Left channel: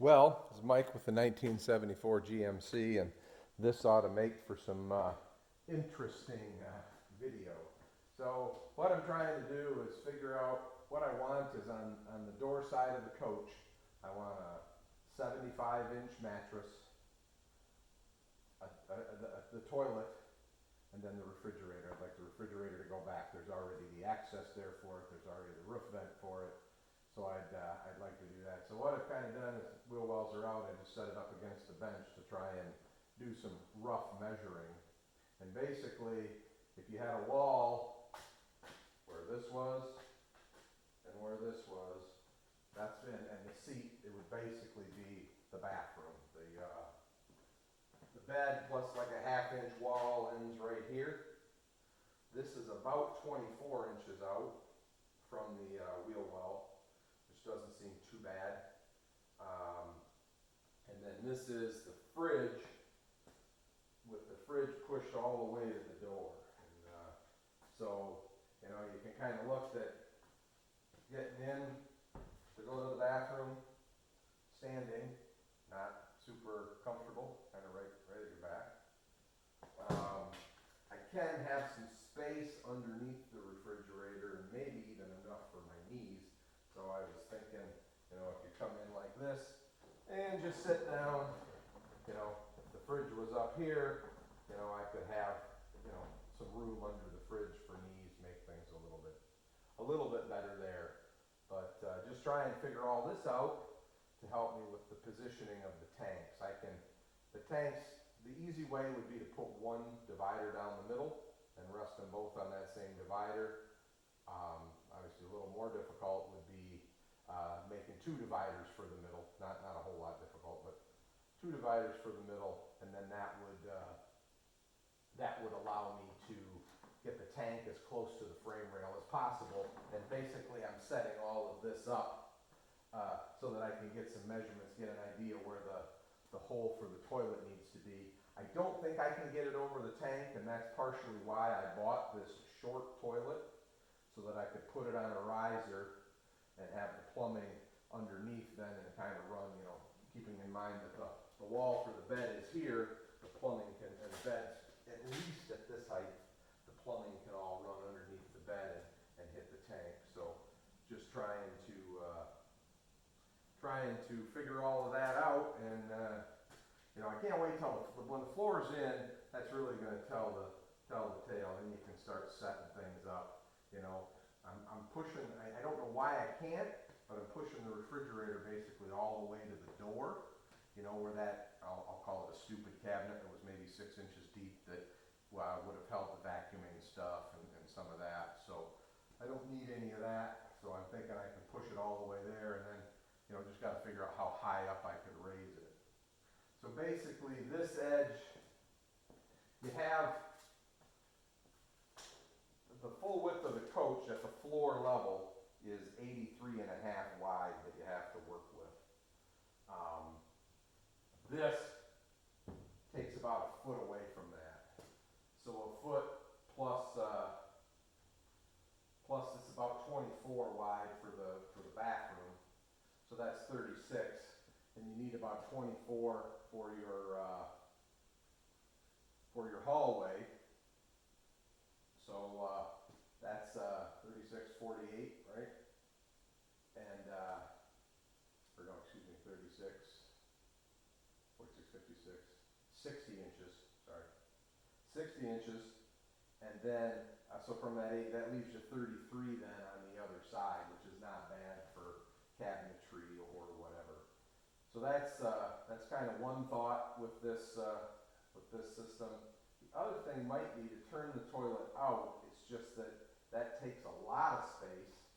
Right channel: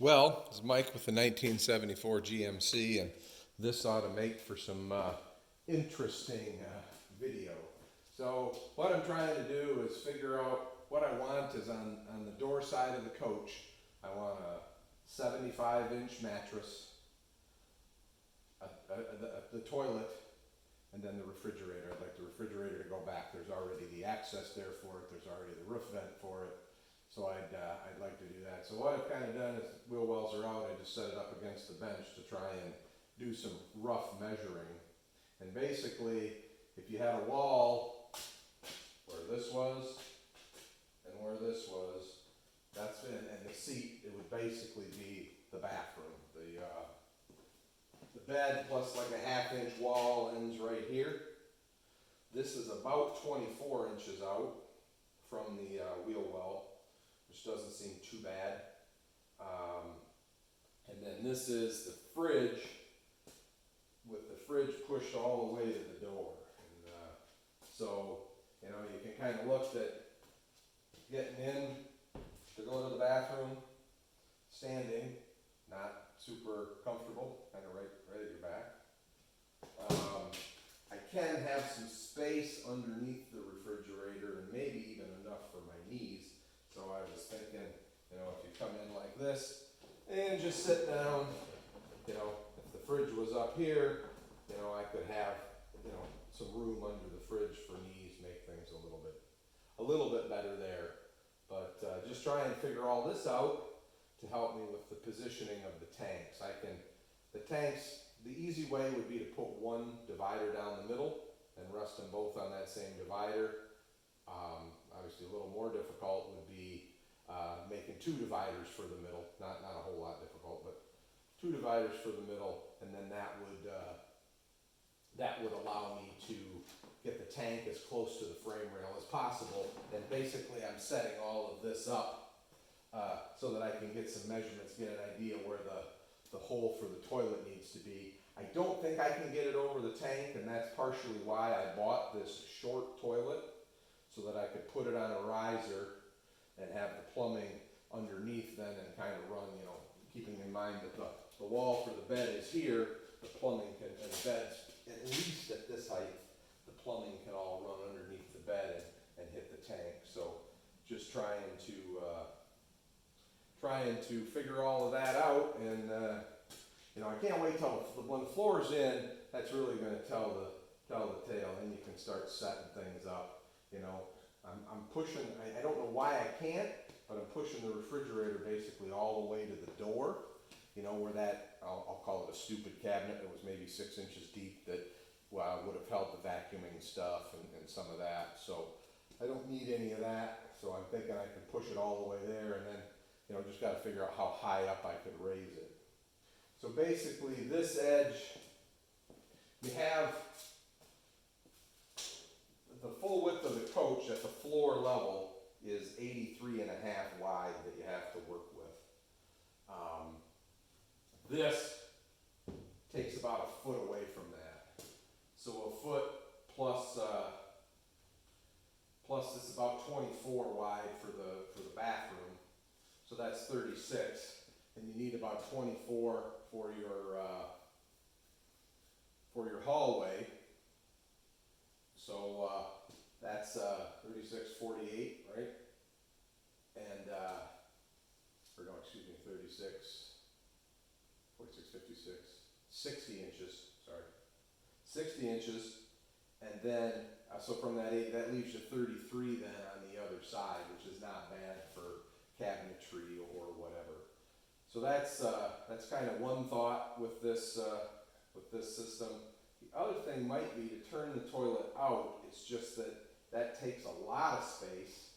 Well, it's Mike with the 1974 GMC, and this ought to make for some interesting video. So what I'm trying to do is figure out what I want is on the door side of the coach. I want a 75-inch mattress, the toilet, and then the refrigerator. I'd like the refrigerator to go back. There's already the access there for it. There's already the roof vent for it. So I'd like to do that. So what I've kind of done is wheel wells are out. I just set it up against the bench to try and do some rough measuring. And basically, if you had a wall where this was and where this was, that's been, and the seat, it would basically be the bathroom. The bed plus like a half-inch wall ends right here. This is about 24 inches out from the wheel well, which doesn't seem too bad. And then this is the fridge, with the fridge pushed all the way to the door. And so, you know, you can kind of look at getting in to go to the bathroom, standing, not super comfortable, kind of right at your back. I can have some space underneath the refrigerator and maybe even enough for my knees. So I was thinking, you know, if you come in like this and just sit down, you know, if the fridge was up here, you know, I could have, you know, some room under the fridge for knees, make things a little bit better there. But just try and figure all this out to help me with the positioning of the tanks. The tanks, the easy way would be to put one divider down the middle and rest them both on that same divider. Obviously a little more difficult would be making two dividers for the middle, not a whole lot difficult, but two dividers for the middle, and then that would allow me to get the tank as close to the frame rail as possible. And basically I'm setting all of this up so that I can get some measurements, get an idea where the hole for the toilet needs to be. I don't think I can get it over the tank, and that's partially why I bought this short toilet, so that I could put it on a riser and have the plumbing underneath then and kind of run, you know, keeping in mind that the wall for the bed is here, the plumbing can, and the bed's at least at this height, the plumbing can all run underneath the bed and hit the tank. So just trying to figure all of that out, and you know, I can't wait till when the floor's in. That's really going to tell the tale. Then you can start setting things up. You know, I'm pushing. I don't know why I can't, but I'm pushing the refrigerator basically all the way to the door. You know, where that I'll call it a stupid cabinet that was maybe 6 inches deep that would have held the vacuuming stuff and some of that. So I don't need any of that. So I'm thinking I can push it all the way there, and then, you know, just got to figure out how high up I could raise it. So basically this edge, you have the full width of the coach at the floor level is 83.5 wide that you have to work with. This takes about a foot away from that. So a foot plus it's about 24 wide for the bathroom. So that's 36, and you need about 24 for your hallway. So that's 36, 48, right? And or no, excuse me, 36, 46, 56, 60 inches. Sorry, 60 inches, and then so from that 8, that leaves you 33 then on the other side, which is not bad for cabinetry or whatever. So that's kind of one thought with this system. The other thing might be to turn the toilet out. It's just that takes a lot of space,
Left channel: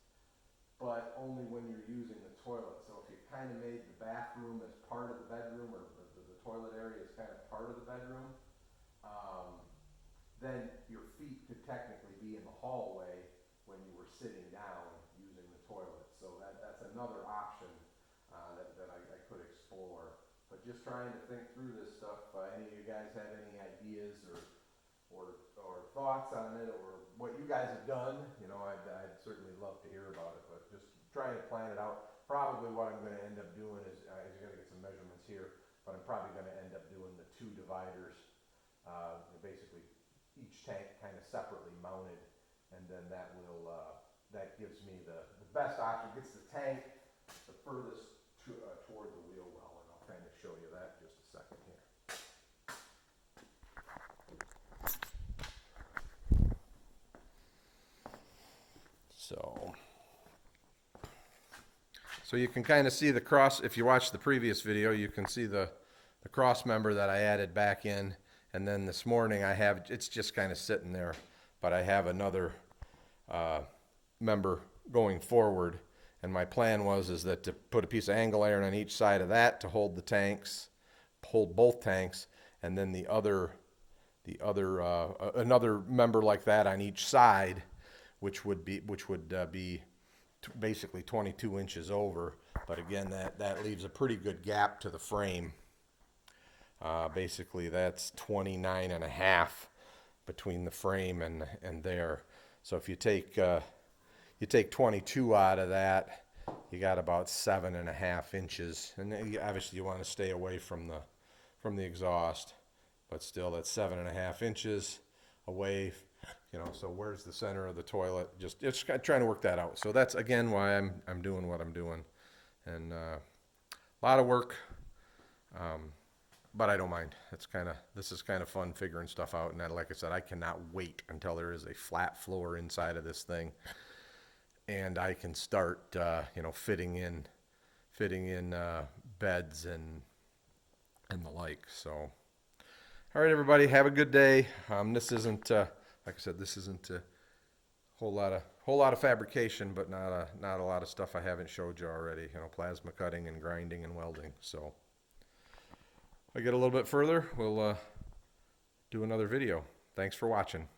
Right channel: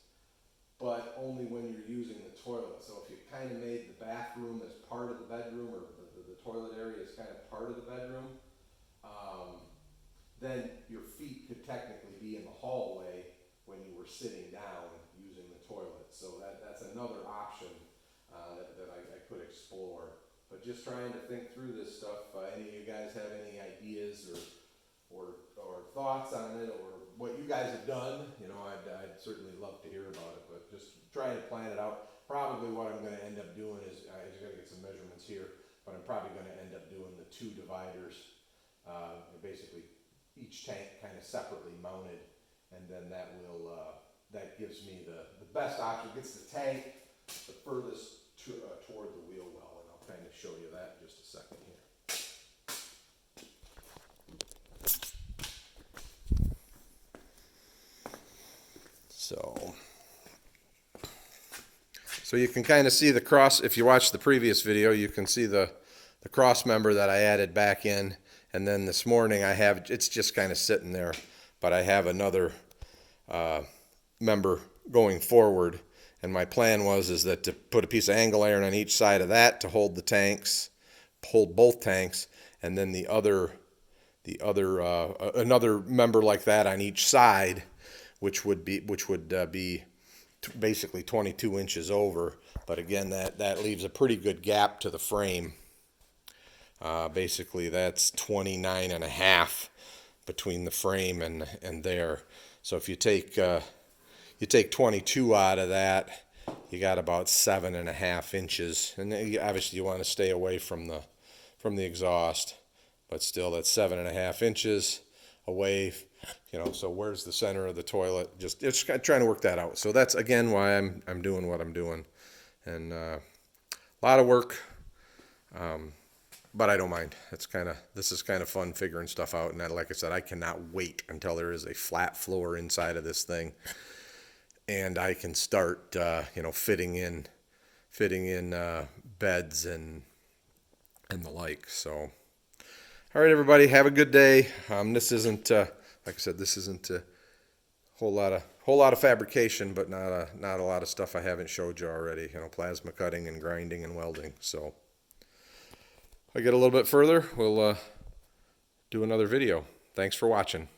but only when you're using the toilet. So if you kind of made the bathroom as part of the bedroom, or the toilet area is kind of part of the bedroom, then your feet could technically be in the hallway when you were sitting down using the toilet. So that's another option that I could explore. But just trying to think through this stuff. Any of you guys have any ideas or thoughts on it, or what you guys have done? You know, I'd certainly love to hear about it. But just trying to plan it out. Probably what I'm going to end up doing is I got to get some probably going to end up doing the 2 dividers, basically each tank kind of separately mounted, and then that will that gives me the best option. Gets the tank the furthest toward the wheel well, and I'll kind of show you that in just a second here. So you can kind of see the cross. If you watch the previous video, you can see the cross member that I added back in, and then this morning I have, it's just kind of sitting there, but I have another member going forward, and my plan is that to put a piece of angle iron on each side of that to hold the tanks, hold both tanks, and then another member like that on each side, which would be basically 22 inches over, but again that leaves a pretty good gap to the frame. Basically that's 29 and a half between the frame and there. So if you take 22 out of that, you got about 7.5 inches, and obviously you want to stay away from the exhaust, but still that's 7.5 inches away. So where's the center of the toilet? Just trying to work that out. So that's again why I'm doing what I'm doing, and a lot of work, but I don't mind. This is kind of fun figuring stuff out, and like I said, I cannot wait until there is a flat floor inside of this thing, and I can start fitting in beds and the like. So all right, everybody, have a good day. This isn't like I said, this isn't a whole lot of fabrication, but not a lot of stuff I haven't showed you already. Plasma cutting and grinding and welding. So if I get a little bit further, we'll do another video. Thanks for watching.